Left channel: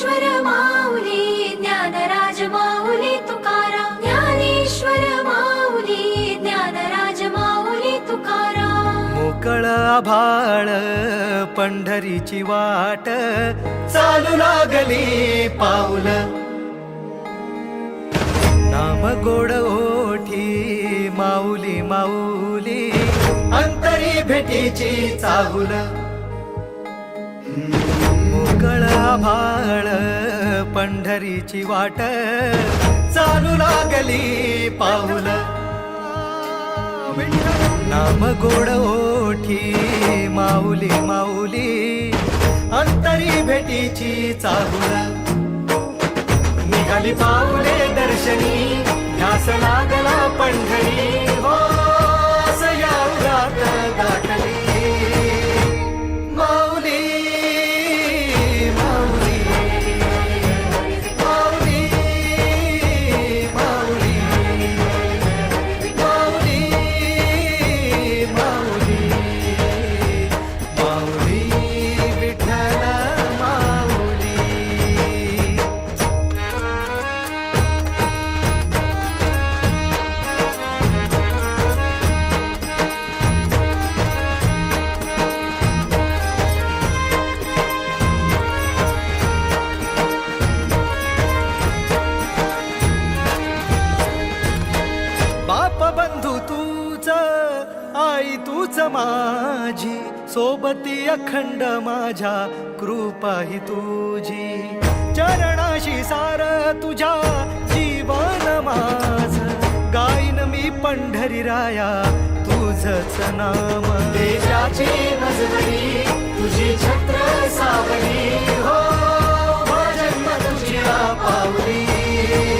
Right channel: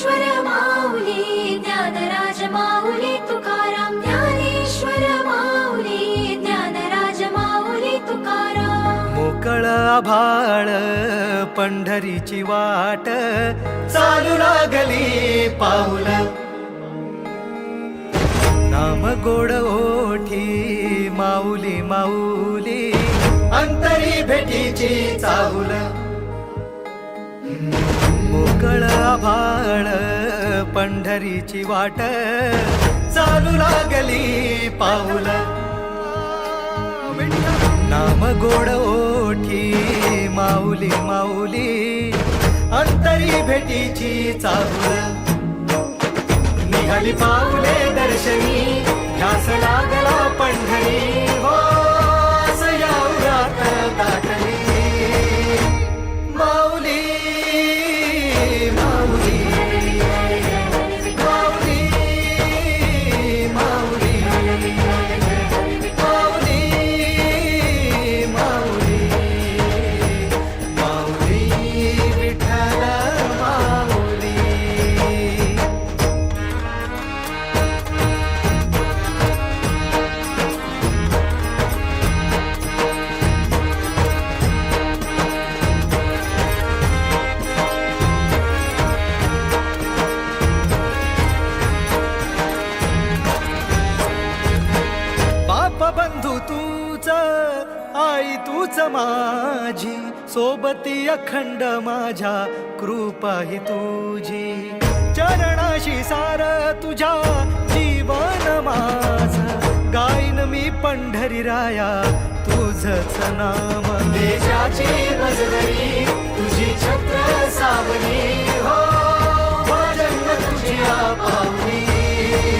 ज्ञानेश्वर माऊली ज्ञानराज माऊली तुकाराम ज्ञानेश्वर माऊली ज्ञानराज माऊली तुकाराम मोकळ आभाळ पंढरीची वाट चालू लागली पाऊल नाम गोड ओठी माऊली माऊली अंतरी भेटीची चाहुल मोकळ आभाळ पंढरीची वाट चालू लागली पाऊल नाम गोड ओठी माऊली माऊली अंतरी भेटीची चाहुल निघाली पाऊले दर्शनी ध्यास लागला पंढरी हो सयाउरात दाटली माऊली माऊली माऊली माऊली माऊली माऊली माऊली विठ्ठल माऊली बाप बंधू तूच आई तूच माझी सोबती अखंड माझ्या कृपा ही तुझी चरणाशी सार तुझ्या जीवन माझ गाईन मी पंढरी राया तुझच नाम देशाची मजवरी तुझी छत्र सावली हो जन्म तुझी पावली